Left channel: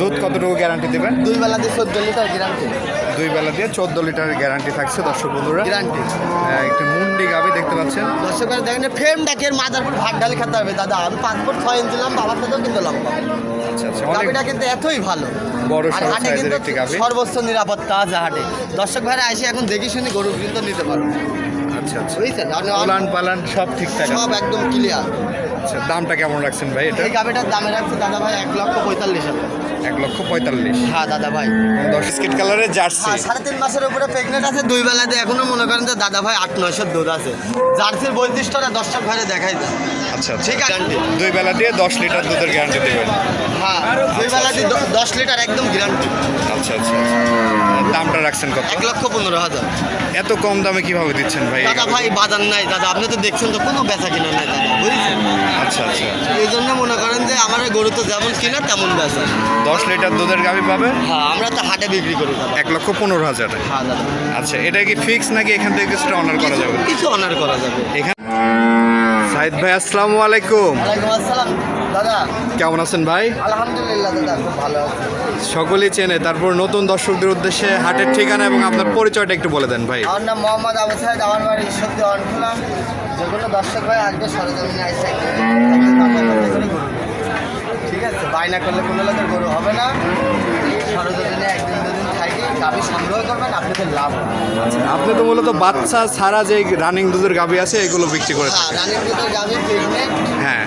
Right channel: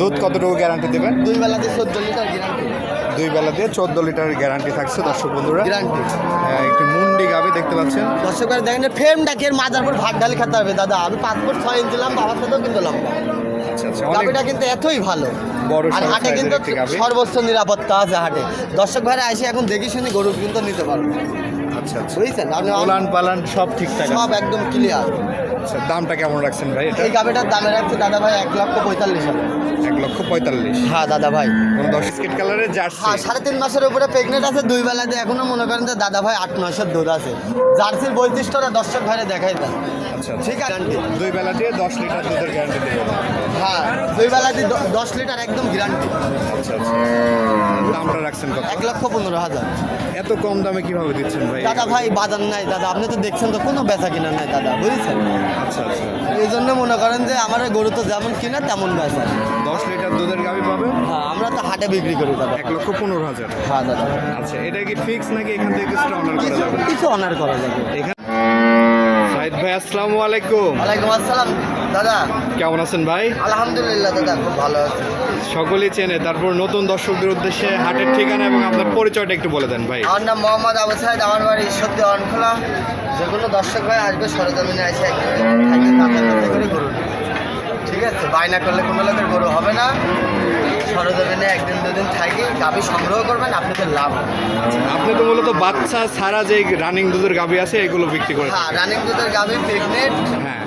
দুধ কতটুকু গ্যারান্টি দেবেন? দুই বেলা দিয়ে চোদ্দ লিটার গ্যারান্টি দুই বেলা দিয়ে চোদ্দ লিটার গ্যারান্টি থাকছে দর্শক বন্ধুরা। গ্যারান্টি একটি মুন্ডি গাবি দেখতে পাচ্ছেন। দর্শকরা দেখেন ফ্রেম ডাকের মাথার উপর ভাত ডালে খেতে হবে। দাদা আমি পাসপোর্ট ছয় ইঞ্চি লম্বা আমার সাথেও কিন্তু লম্বা। আচ্ছা আচ্ছা অনেক গাবিটা কিন্তু এতই ভালো। বড় সড়ো সাইজের একটি গাবি। সর্বোচ্চ নিরাপত্তা আছে হাটে। দর্শক ভাইরা এসে এখন দেখি শুনি গরু কিন্তু নিতে পারবে। আচ্ছা আচ্ছা। বুঝছেন? পালান সব ঠিকঠাক সব একদম ক্লিয়ার আচ্ছা দামটা কেমন রাখছেন ভাই এটা? এই গাভিটার দামে রাখছে দাদা ভাই এক লক্ষ পঁয়তাল্লিশ হাজার। এক লক্ষ পঁয়তাল্লিশ। হ্যাঁ দাদা ভাই। কোনো দশ স্কিট কালারের জার্সি? সাড়ে তিন মাসের উপরে প্রেগনেন্ট আছে দুই বেলাতে এখনও মনে করেন যে দাদা ভাই আট নয়শো দুধ আছে। জার্সির বৈশিষ্ট্যটা দর্শক ঘরে দেখাই দেয় আচ্ছা আচ্ছা। ঠিক আছে? দুই বেলা দিয়ে দশ লিটার দুধের গ্যারান্টি দেবেন। হ্যাঁ। দুই বেলাতে দ- দশ লিটার একদম গ্যারান্টি আচ্ছা আচ্ছা। দামটা রাখছেন কত? এক লক্ষ পনেরো হাজার। এত কম দামে কীভাবে দিচ্ছেন ভাই? দাদা ভাই বাজার নাই দাদা। আপনি তো দেখছেন তো কোনো বেচা কিনা নাই দাদা বুঝছেন? আচ্ছা আচ্ছা। এই জন্য মনে করেন যে আমার গরু তো যেমন কিনা তেমন বেচা। দশ লিটার দুধের গাভি পাবে? হ্যাঁ আমরা তো হাটে বিক্রি করি এক লক্ষ পনেরো হাজার। হ্যাঁ আচ্ছা এটা কি ফিক্স নাকি এখান থেকে কিছুটা অনার করা যাবে? কিছু অনার করা যাবে। এখানে সাইদ ভাই আসসালামু আলাইকুম। ওয়ালাইকুম আসসালাম দাদা। কেমন আছেন ভাই? আলহামদুলিল্লাহ দাদা খুব ভালো আছে। সকলেই চেনে তারপর নতুন দর্শকদের উদ্দেশ্যে হাটের ঠিকানা এবং আপনার পরিচয়টা একটু বলে দেন ভাই। আমার নাম মোহাম্মদ আবু সাহেদ আমার বাড়ি সত্যি অনখোলা। যে কোনো দর্শক ভাই আসবে সরজমিনে আসে থাকি কাপড় কাপড় করে গরু নেবে। ঠিক আছে? বায়না করলে কোনো লোকের গরু হবে না। সরজমিনে একদিন দুদিন থাকি গাভি সংগ্রহ করবেন আপনাদের লাভ হবে। আপনি তো মূলত বাচ্চা ছাড়া যে রানিং দুধের গাভি আছে এগুলো বিক্রি করে হ্যাঁ রানিং দুধের গাভি প্রেগনেন্ট হ্যাঁ।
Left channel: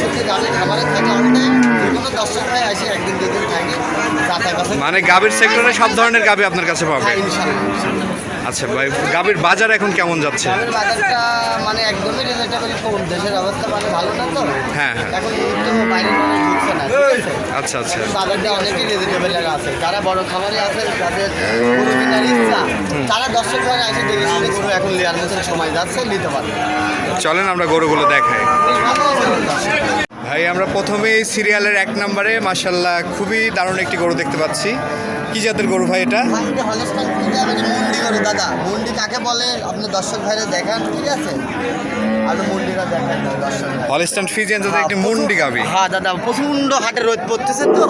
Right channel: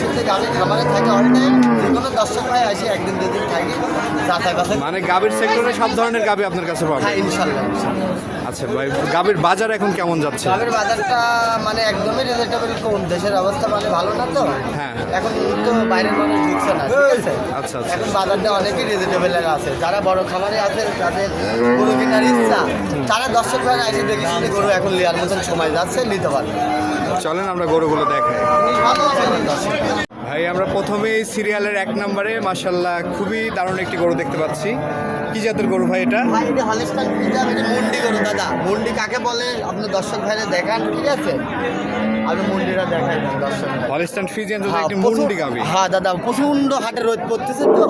সাথে গাভি খামারে থাকে অল টাইম যে কোনো দর্শক ভাই আসে একদিন দুদিন থাকি। মানে গাভীর সেক্টরে সব ধরনের গাভি আপনার কাছে পাবে হ্যাঁ ইনশাল্লাহ। আচ্ছা ভাই গাভীর বাজার এখন কেমন যাচ্ছে? গ্রামের বাজারটা মানে একদমই রিলেটেবল কোন দেশের অবস্থা মানে ভালো না তো? হ্যাঁ, হ্যাঁ। এখন তো বাইরের মানুষ ঢুকছে না আচ্ছা আচ্ছা। বাজারটা অনেকই রিলেটেবল আছে। যারা বড় খামারি আছে যাদের গরু কেনার ইচ্ছা তারা দর্শক ভাই এসে দেখে শুনে গরু এখন লিয়ার মতন সময় যাচ্ছে নিতে পারবে চলেন আমরা গরুগুলো দেখাই। ভাই আমরা প্রথমেই সিরিয়ালের এক নম্বরে মাসাল্লাহ খুবই দারুণ একটি গরু দেখতে পাচ্ছি। কি জাতের গরু ভাই এটা? মুন্ডি গরু দাদা। মুন্ডি কাকে বলে? আপনি দর্শক ভাইরা দেখান ঠিক আছে? হলিস্টান ফিজিয়ান জাতের একটি মুন্ডি গাভি হ্যাঁ দাদা প্রচণ্ড হাটে রোদ পড়তেছে তো।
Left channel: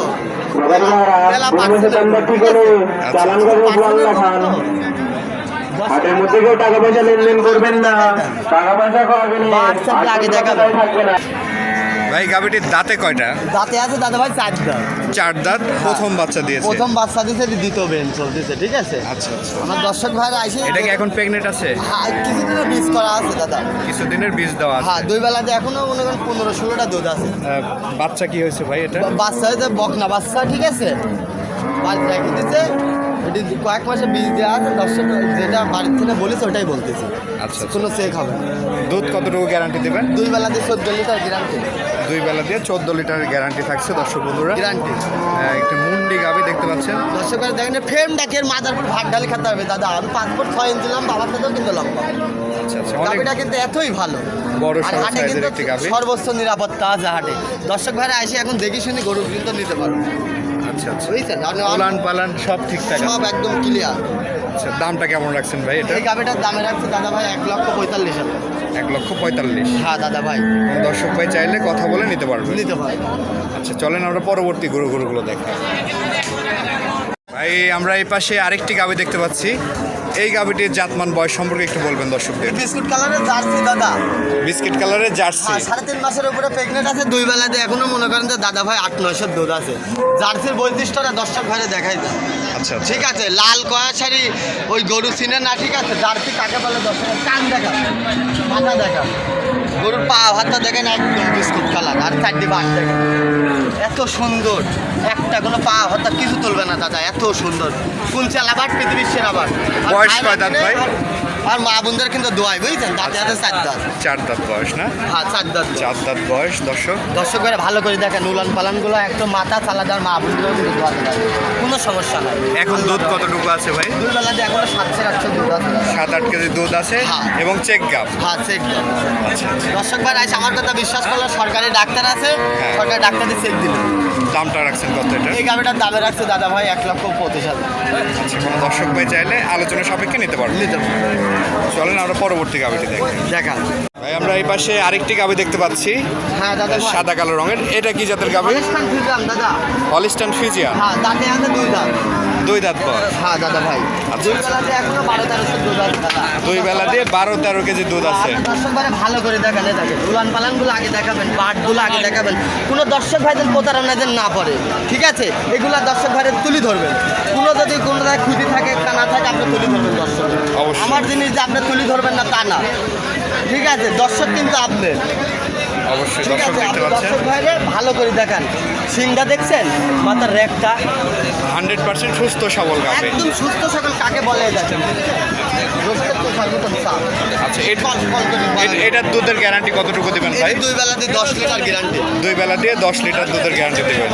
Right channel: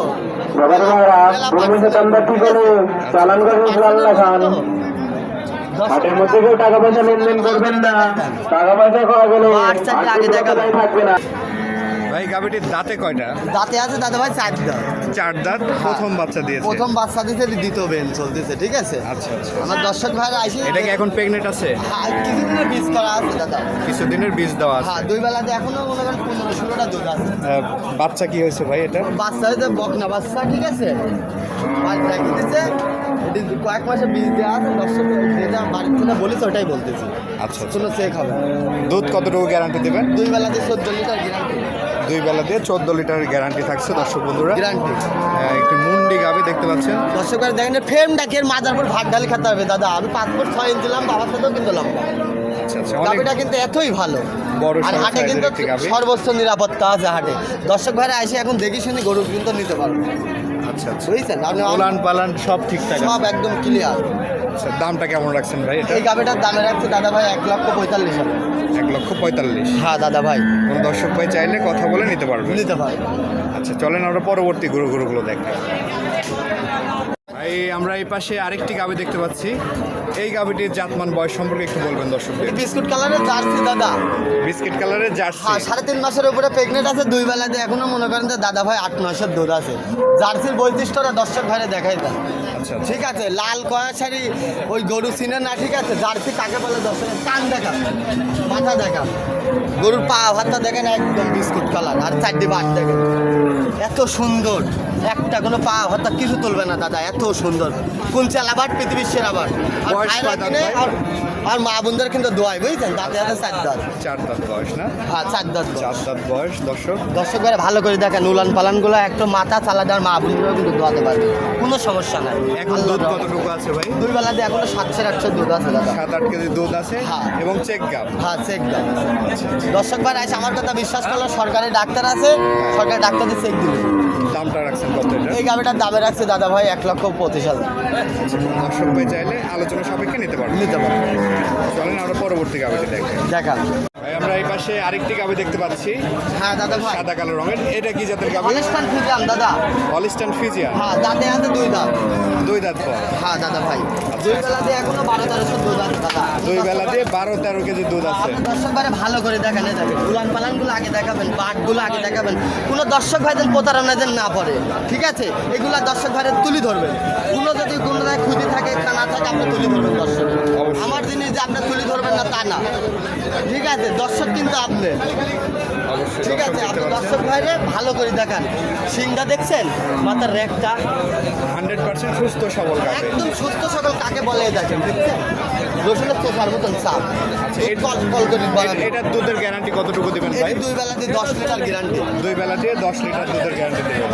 খান হাটের মধ্যে কেউ টাকা পয়সা লেনদেন করবেন না। টাকা পয়সা খাওয়া গেলে হোয়াটসঅ্যাপে আগে দেখাবো। থাকবে না। ভাই গাভিটির দাঁতে কয়টা? দাঁতে আছে দাদা ভাই চার দাঁত চার দাঁত প্রথম বাচ্চা দিয়েছে। প্রথম বাচ্চা দিতে দ্বিতীয় বেন চলতেছে ঠিক আছে? আচ্ছা আচ্ছা। আমার দর্শক ভাইরা আইসে এটা কি এখন প্রেগনেন্ট আছে? হ্যাঁ কিছুদিনের বীজ করা আছে দাদা। কিছুদিনের বীজ দেওয়া হ্যাঁ আছে দুই বেলাতে এখনও মনে করেন পনেরো ষোলোটা দুধ আছে। বাচ্চা কি হয়েছে ভাই এটা? বাচ্চা হয়তো বকনা বাচ্চা ঠিক আছে? আর দিতে কয়েক মাসে বীজ দেওয়া আছে দর্শক যেটা বাড়ির থেকে বলিস ওটাই বলতেছি। আচ্ছা আচ্ছা। কোনো চেক হবে না। দুধ কতটুকু গ্যারান্টি দেবেন? দুই বেলাতে চোদ্দ লিটার গ্যারান্টি দুই বেলা দিয়ে চোদ্দ লিটার গ্যারান্টি থাকছে দর্শক বন্ধুরা। গ্যারান্টি আহ, একটি মুন্ডি গাভি দেখতে পাচ্ছেন। দর্শকরা দেখেন ফ্রেম ডাকের মাথার উপর ভাত ডালে খেতে হবে। দাদা আমি পাসপোর্ট ছয় ইঞ্চি লম্বা আমার সাথেও কিন্তু লম্বা। আচ্ছা আচ্ছা অনেক কিন্তু এতই ভালো। বড় আর সড়ো হাটে সাইজের কিন্তু একটি সর্বোচ্চ নিরাপত্তা আছে হাটে। দর্শক ভাইরা এসে এখন দেখি শুনি গরু কিন্তু নিতে পারবে আচ্ছা আচ্ছা। উলান পালান সব ঠিকঠাক সব একদম ক্লিয়ার আচ্ছা দামটা কেমন রাখছেন ভাই এটা? এই গাভিটার দামে রাখছে দাদা ভাই এক লক্ষ পঁয়তাল্লিশ হাজার। এক লক্ষ পঁয়তাল্লিশ। হ্যাঁ দাদা ভাই। কোনো দর্শক ভাই চাইলে কথা বলে নিতে পারবে। নিতে পারবে। আচ্ছা চলেন আমরা পরবর্তী গুরু গুরুগুলো দেখাই। ভাই আমরা এই পাশে আরেকটি গাবি দেখতে পাচ্ছি। এই গাভিটির জাতমান বয়স সম্পর্কে একটু বলবেন দর্শকদের। বিস্কুট কালারের জার্সি দাদা। বিস্কিট কালারের জার্সি। আর সাড়ে তিন মাসের উপরে প্রেগনেন্ট আছে দুই বেলাতে এখনও মনে করেন যে দাদা ভাই আট নয়শো দুধ আছে। জার্সির বৈশিষ্ট্যটা দর্শক ভাইরে দেখাই দেয় আচ্ছা আচ্ছা। ঠিক আছে লাল কয়া শাড়ি ওই গরু চিনে না ঠিক আছে? জার্সি কাকে বলে দর্শক? কান দেখা মাথা দেখা গরুর পা হাতটা দেখেন একদম বিস্কুট কালার আর চারটি বাট দেখেন। এত সুন্দর একটা কোনো পা হাতটা কিছু তুলবে না দাদা এত সুন্দর। কোন চালাবার পৃথিবীর সেরা বাট বয়স ভাই কয় দাঁত ভাই? আর- মা বোনদের কিন্তু দোয়াই বুঝছেন? দাঁতে হাতে চার দাঁত। চার দাঁত বয়স না? হ্যাঁ চার দাঁত চার দাঁত বয়স দর্শক? দর্শক ভাইরা ভালো করে দেখেন উলান পালানগুলো একটু মাথা চালা দেওয়ার মা বোনগুলো কিন্তু দোয়াতে থাকে কোনো সমস্যা নাই। এখন দুধ কতটুকু আছে ভাই? দুই বেলা দিয়ে এখনও সাতশো আটশো দুধ আছে। সাত আট কেজি দুধ আছে হ্যাঁ। এবং চেক গাপ হ্যাঁ চেক দাও আচ্ছা আচ্ছা। দর্শক ভাই আছে আমার কথা বিশ্বাস করলে সরকারি ডাক্তার আছে হ্যাঁ। সরকারি ডাক্তারই চেক দিল। দামটা রাখছেন কত এটা? এই গাবিটার দামে রাখছে দাদা ভাই এক লক্ষ পঁচিশ হাজার। আচ্ছা কোনো দর্শক ভাই চাইলে আলোচনা সাপেক্ষে নিতে পারবেন নিতে পারবেন চলেন আমরা পরবর্তী গাবিটি দেখেন দেখান। ভাই আমরা এই পাশে আরেকটি গাবি দেখতে পাচ্ছি। হ্যাঁ দাদা সাদা কালো রঙের। এটা কি জাতের গাবি? হলিস্টান দাদা। Holstein Friesian. হ্যাঁ দাঁতে আছে দুই দাঁত। দুই দাঁত বয়স। হ্যাঁ দাদা ভাই। আচ্ছা, দুই বেলা দিয়ে এখনও বারো দুধ আছে দাদা। দুই বেলা দিয়ে বারো তেরো কেজি দুধ আছে। আপনি দর্শক ভাই ভালো করে দেখান যাবে উলান পালানগুলো আগে দেখাবেন পাটগুলো আগে দেখাবেন। কোনো দর্শক ভাইদের প্রতারণা যেন না পড়ে ঠিক আছে? এগুলো দর্শক ভাইদের তুলি ধরবেন। কোনো যদি কোনো খুঁটি থাকে কানা থাকে আপনি তুলি ধরবেন দর্শক। আমার জিনিস যে আপনি তুলি ধরবেন না তা না। ঠিক আছে দর্শক কিন্তু আপনি। অবশ্যই দর্শক দেখতে পাচ্ছেন। ভালো করে দেখান। সিংটা দেখছেন? মাথার রেকটা হান্ড্রেড পার্সেন্ট সুস্থ সবল গাবে একদম সুস্থ সকল কাকে বলে দেখেন আচ্ছা এটার দুধের গ্যারান্টি কতটুকু দিবেন ভাই? দুই বেলাতে দশ লিটার গ্যারান্টি দুই দশ লিটার দুধের গ্যারান্টি দিবেন।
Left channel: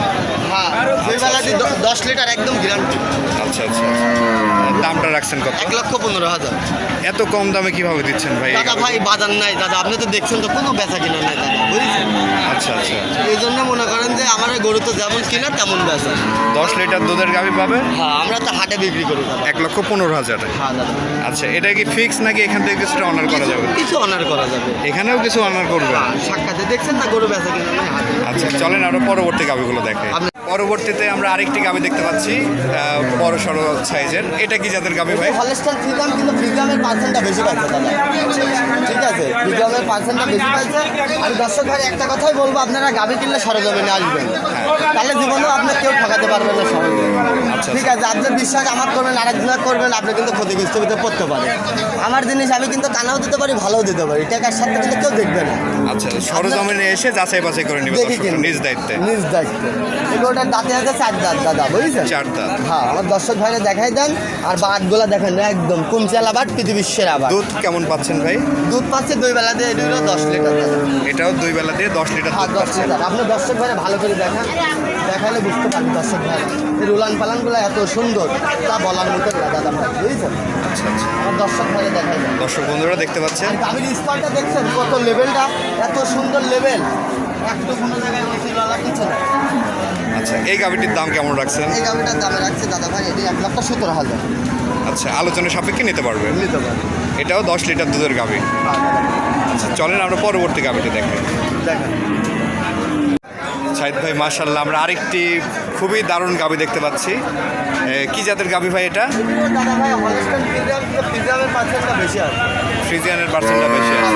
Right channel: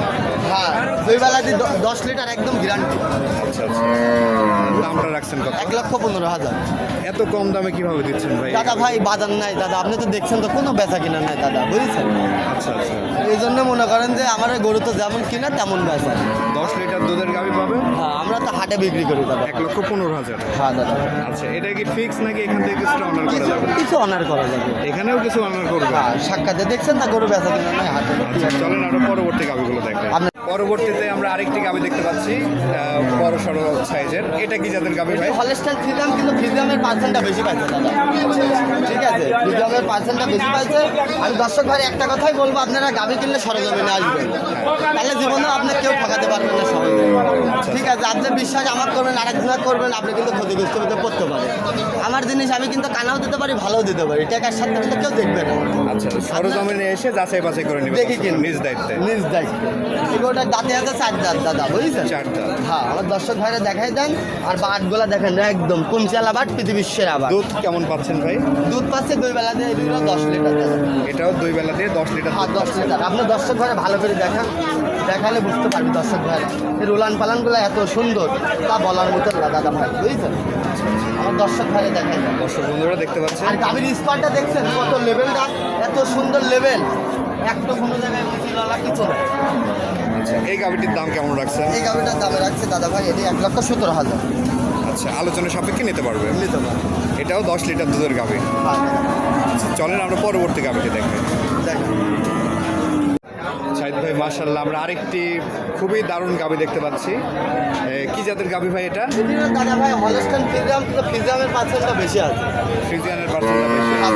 হ্যাঁ। দুই বেলাতে দশ লিটার একদম গ্যারান্টি আচ্ছা আচ্ছা। দামটা রাখছেন কত? এক লক্ষ পনেরো হাজার। এত কম দামে কীভাবে দিচ্ছেন ভাই? দাদা ভাই বাজার নাই দাদা। আপনি তো দেখছেন তো কোনো বেচা কিনা নাই দাদা। বুঝেছেন? আচ্ছা আচ্ছা। এই জন্য মনে করেন যে আমার গরু তো যেমন কিনা তেমন বেচা। দশ লিটার দুধের গাভি পাবে? হ্যাঁ আমরা তো হাটে বিক্রি করি এক লক্ষ পনেরো হাজার। হ্যাঁ আচ্ছা এটা কি ফিক্স নাকি এখান থেকে কিছুটা অনার করা যাবে? কিছু অনার করা যাবে। এখানেও কিছু অনার করবে? হ্যাঁ সাক্ষাতে দেখছেন না গরু বেচা কিনা নাই হাটে। আচ্ছা চলেন আরও পরবর্তী গাভিগুলো দেখে। পরবর্তীতে আমরা আরেকটি গাভি দেখতে পাচ্ছি বড় সড়ো সাইজের। এটা কি জাতের গাভি ভাই? হলস্টাইন ফ্রিজাম কিন্তু ফ্রিজামের পার্সেন্টটা বেশি পাচ্ছে দাদা। ঠিক আছে ফ্রিজামের পার্সেন্টটা বেশি পাচ্ছে আমি দর্শক ভাই একটা কথাই বলব আপনারা গাভি কিনলে সরজমিনে আসবেন। তাহলে জীবনেও আপনার কেউ ঠকাতে পারবেন না সরজমিনে। আচ্ছা, ঠিক আছে আপনি বিশ্বাস আমার করবেন আরেকজনের করবেন আপনি কিন্তু ক্ষতিগ্রস্ত হতে পড়তে পারেন। আমার জিনিস আমি কিন্তু কানাও দিতে পারি ভালোও দিতে পারি। টাকার সাথে কিন্তু কেউ দেখবে না। আচ্ছা সরজমিনে এসে যাচাই বাছাই করে নিবে। নিজ দায়িত্বে। নিজ দায়িত্বে। এগুলোটার দাঁতে আছে চার দাঁত দাদা বুঝছেন? চার দাঁত। হ্যাঁ আমার দর্শক ভাইরে দেখাই দেন আর বাটগুলো দেখেন একদম কোন চালা বাট পৃথিবীর সেরা বাট দুধ কেমন পাচ্ছেন ভাই? দুধ পাচ্ছে দুই বেলা দিয়ে দুই দশ লিটার এটাও দুই বেলা দিয়ে দশ লিটার হ্যাঁ দুধ পাচ্ছেন। আপনি দর্শক ভাইরে ভালো করে দেখান দেখালে বুঝতে পারবেন দর্শক ভাই। এই রোলান পালানগুলো এত সুন্দর তা বলার মতো দাদা ভাই বুঝছেন? আচ্ছা আচ্ছা। দর্শক ভাইরে দেখাই দেন। দর্শক বন্ধুরা দেখতে পাচ্ছেন। গাভীর স্পারটা দেখছেন কত লেভেলটা এত সুন্দর লেভেল একটু কোনো জায়গায় মিছিল কিছু না আচ্ছা এই গাভিটির দাম কেমন রাখছেন? এই গাভিটার দাম রাখছি দাদা ভাই এটি এক লক্ষ সত্তর হাজার। আচ্ছা আলোচনা সাপেক্ষে নিতে পারবে এটাও দশ লিটার দুধের গাভি। আচ্ছা চলেন আমরা পরবর্তী গাভিটি দেখাই। দেখেন। সাইদ ভাই মার্শাল্লাহ আমরা আরেকটি খুবই দারুণ গাবি দেখতে পাচ্ছি। কি জাতের গাবি ভাই এটা? ফ্রিজিয়ানের পার্সেন্টটা বেশি আছে।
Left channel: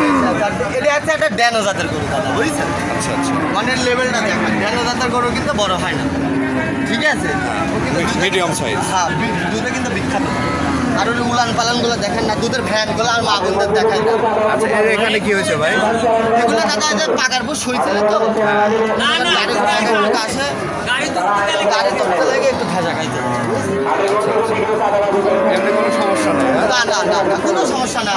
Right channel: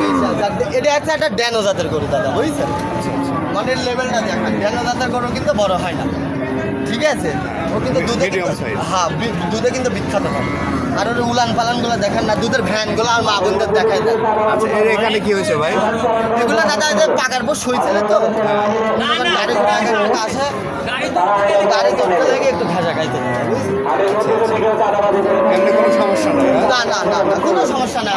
এটা হচ্ছে একটা ড্যানো জাতের গরু দাদা বুঝছেন? আচ্ছা আচ্ছা। মানে লেভেলটা দেখেন ড্যানো জাতের গরু কিন্তু বড় হয় না। ঠিক আছে? ও কিন্তু মি- দুধে- medium হ্যাঁ দুধে কিন্তু বিখ্যাত আর ওর উলান পালানগুলো দেখেন না দুধের ভ্যানগুলো আর মা বোনদের দেখাই দেন আচ্ছা এখানে কি হয়েছে ভাই? এগুলো দাদা যে পাকার পর শুয়েছিল তো? গাড়ি ঘোড়া আসে গাড়ি চলতে লেগে একটু ভেজা খাইতে এমনি কোনো সমস্যা নেই হ্যাঁ? না না না না, কোনো সমস্যা না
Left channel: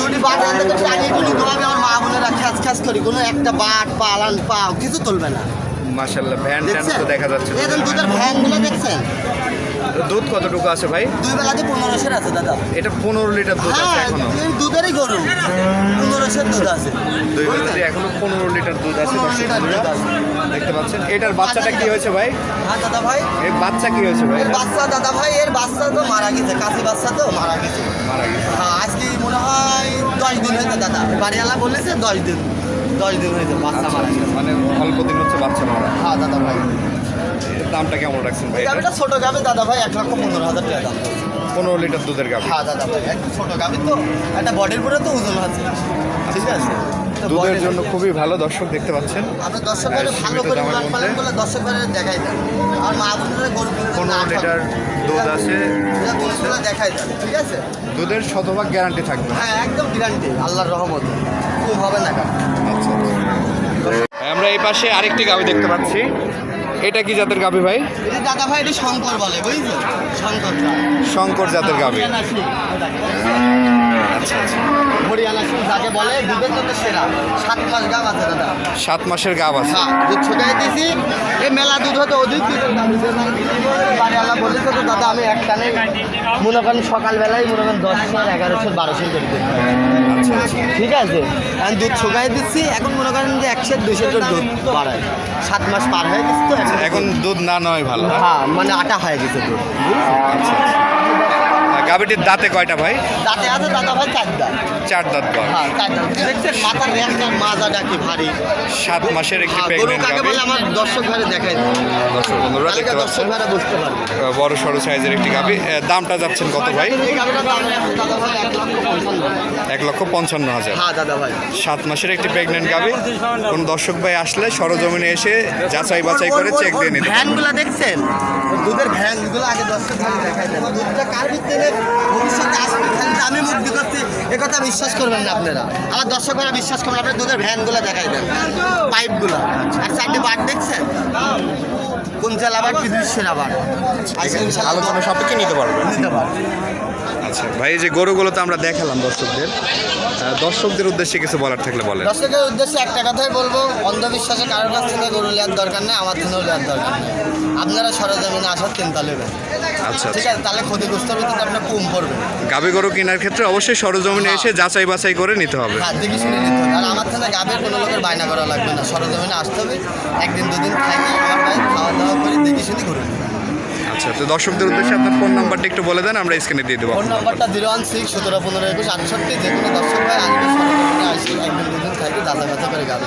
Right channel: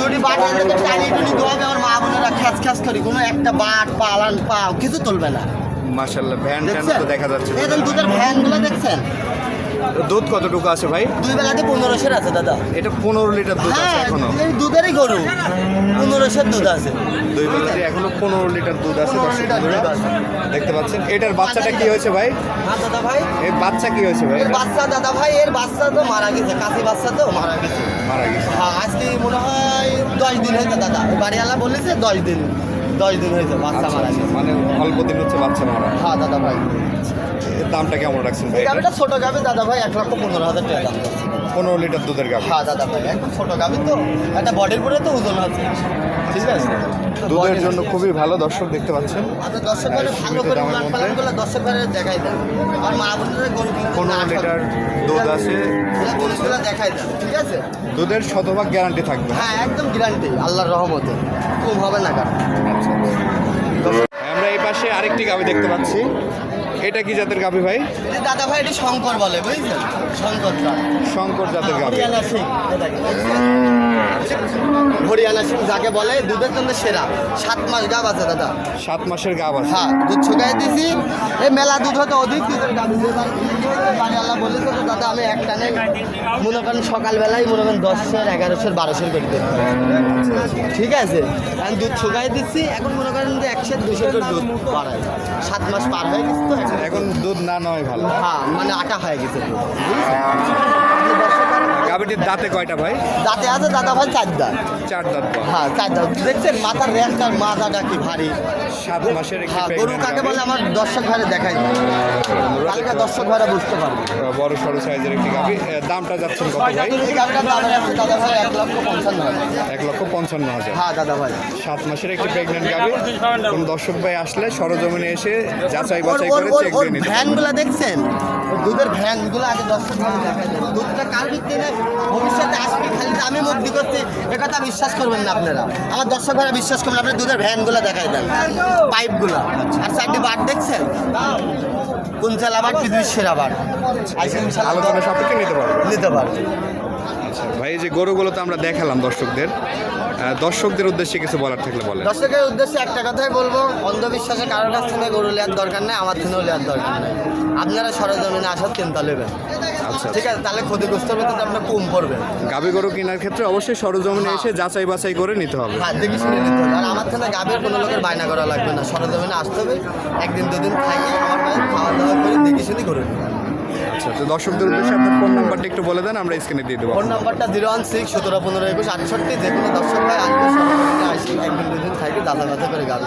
যদি বাট আনলে তো টানি টুনি ধোয়াবে আমার মা বোনেরা খ্যাচ খ্যাচ করি কোনো একটা বাট পালান পা কিছু তুলবে না। মার্শাল্লাহ ভ্যান ট্যান তো দেখা যাচ্ছে এখন দুধের ভ্যানগুলো দেখছেন? দুধ কতটুকু আছে ভাই? দুই বেলাতে পনেরোশের আছে দাদা। এটা পনেরো লিটার দুধ আছে হ্যাঁ এখনও? দুধেরই গরু। পনেরোশের দুধ আছে। দুই বেলা দিয়ে এখনও পনেরো লিটার দুধ আছে 15 দর্শক লিটার দুধ বন্ধুরা। আছে। দেখতে পাচ্ছেন এটার বাচ্চাটা কি হয়েছে ভাই? হ্যাঁ দাদা ভাই। এর বাচ্চা কি হয়েছে ভাই? বাচ্চা দাদা ভাই এর বাচ্চা তো মারা গেছে কাছে বাচ্চা তো মারা গেছে। মারা গেছে। হ্যাঁ আজকে মনে হয় দশ দিন হয়েছে দাদা। বাড়িওয়ালা বলেছে দশ দিন। দশ দিন হয়েছে বাচ্চা আচ্ছা মারা আচ্ছা গেছে। মানে অল্প দিন হচ্ছে বাচ্চা মারা। হ্যাঁ দাদা ভাই। এর দামটা কেমন রাখছেন ভাই? এটা গাড়িটা ছোট গাবি দাদা ভাই এক লক্ষ পনেরো হাজার টাকা দাম। পনেরো লিটার দুধের গাভি হ্যাঁ দাদা ভাই একদম ছোট গাবি তো একটা বডির পরে তো ওজন আছে। ঠিক আছে? তো দুধের body- জন্য খুবই ভালো দর্শক দেখতে পাচ্ছেন। আপনি দর্শক হ্যাঁ, ভালো সীমিত করে দামের উলান মধ্যে। পালান করলে দর্শক দেখাই আর গরু পনেরো লিটার দুধ আছে বলছে। দুধগুলো দেখাই ঠিক আছে? দুধের শতভাগ গ্যারান্টি থাকবে। হ্যাঁ একদম গ্যারান্টি আল্লাহর রহমতে। খুব হবে না কারণ আচ্ছা পাশে আরেকটি গাভি দেখতে পাচ্ছি। এটা কি জাতের গাভি ভাই? দাদা ভাই এটা শঙ্কর বলে বুঝছেন? শঙ্কর জাতের গাভি হরিয়ানা আচ্ছা আচ্ছা যাকে বলে দুধের জন্য সেরা। সাত মাস গাব আছে দাদা। সাত মাসের গাভ আছে। হ্যাঁ দুধ ছুটাই দিছি। এই মেলা দুধ হতো অধিক দুধের দাম বাড়ি আল্লাহ বলেছে তো দাদা আমি এক টানে মনে করেন সকালবেলায় মনে করেন দশশো এগারোশো বারোশো করে। আচ্ছা আচ্ছা। ঠিক আছে? আমি দুধ শুকাই দিচ্ছি। এখন মনে করেন যে একশো দুশো দুধ বাড়ায়। সাত মাস পার হয়ে গেছে এখন দুধ না নয় ভালো। হ্যাঁ মানে আটা হয়ে গেছে দুধ। গাবিটির দাঁতে কয়টা ভাই? দাঁতে আছে দাদা ভাই চার দাঁত। চার দাঁত বয় হ্যাঁ চার দাঁত। দেখছেন মাথার র্যাঙ্কার মাথাটা কি ভারী। সাত মাসের একটি হ্যাঁ প্রেগনেন্ট কাকে গাবি আমার দর্শক ভাইরে দেখাই। দর্শক বন্ধুরা দেখতে দর্শক পাচ্ছেন ভাইরা বুঝতে পারবে। বড় সড়ো সাইজের একটি গাবি দামটা যাচ্ছেন কত ভাই? ভাই এক লক্ষ পঞ্চান্ন হাজার। হ্যাঁ দাদা ভাই। সাত মাসের একটি প্রেগনেন্ট গাবি কোন দর্শক ভাই আসলে সরজমিনে এসে যাচাই বাছাই করে চেক দিয়ে নিতে পারবেন ভ্যানগুলো দেখছেন? দুধের ভ্যানগুলো আগে দর্শক ভাই দেখাই দেন দুধটা কার ভিত্তিতে ভবিষ্যতে আসবে খালি আমি মুক্তি করছি এ কথা বিশ্বাস করবেন না আপনারা। আমার দর্শক ভাইরা বিশ্বাস করবেন আপনি দুধের ভ্যানগুলো দেখাই দেন। পাইপগুলো। আর চারটে বার দেখছেন? কোন চাল আবার কি বিশ্বের আবার? আলোচনা সাপেক্ষে নিতে পারবেন। নিতে পারবে আচ্ছা ভাই এই যে গরুগুলো তো আমরা দেখালাম দর্শকদের। দর্শকদের উদ্দেশ্যে কিছু বলার থাকলে বলেন। দর্শকের উদ্দেশ্যে একটা কথাই বলব অন্ধবিশ্বাসে কারোর কাছ থেকে গরু নেওয়ার দরকার নেই আমার জন্য নেওয়ার দরকার নেই। আপনারা সরজমিনে আসার চিন্তা নেবেন আচ্ছা ঠিক আচ্ছা আছে তাহলে ক্ষতিগ্রস্ত ভিতরে আপনার কম পড়বে। গাবি গরু কেনার ক্ষেত্রে অবশ্যই সরজমিনে এসে যাচাই বাছাই করে নিতে হবে। হ্যাঁ দেখে শুনে নিতে হবে। আর আমার থেকে গাবের কোনো লোকের বায়না করা লাগবে না। সরজমিনে আসতে হবে একদিন দুদিন থাকি আমার ভাই খাওয়া দাওয়া করে দেখে শুনে করুন আচ্ছা তো দর্শকদের উদ্দেশ্যে আপনার ফোন নাম্বারটা একটু বলে দেন আমরা স্ক্রিনে দিয়ে দেবো ফোন নাম্বারটা জিরো ওয়ান সিক্স সতেরো পনেরো একুশ আটষট্টি যে কোনো দর্শক ভাই আসবে সরজমিনে আসি। একদিন দুদিন থাকি দাদা ব্যথা করে গাবে।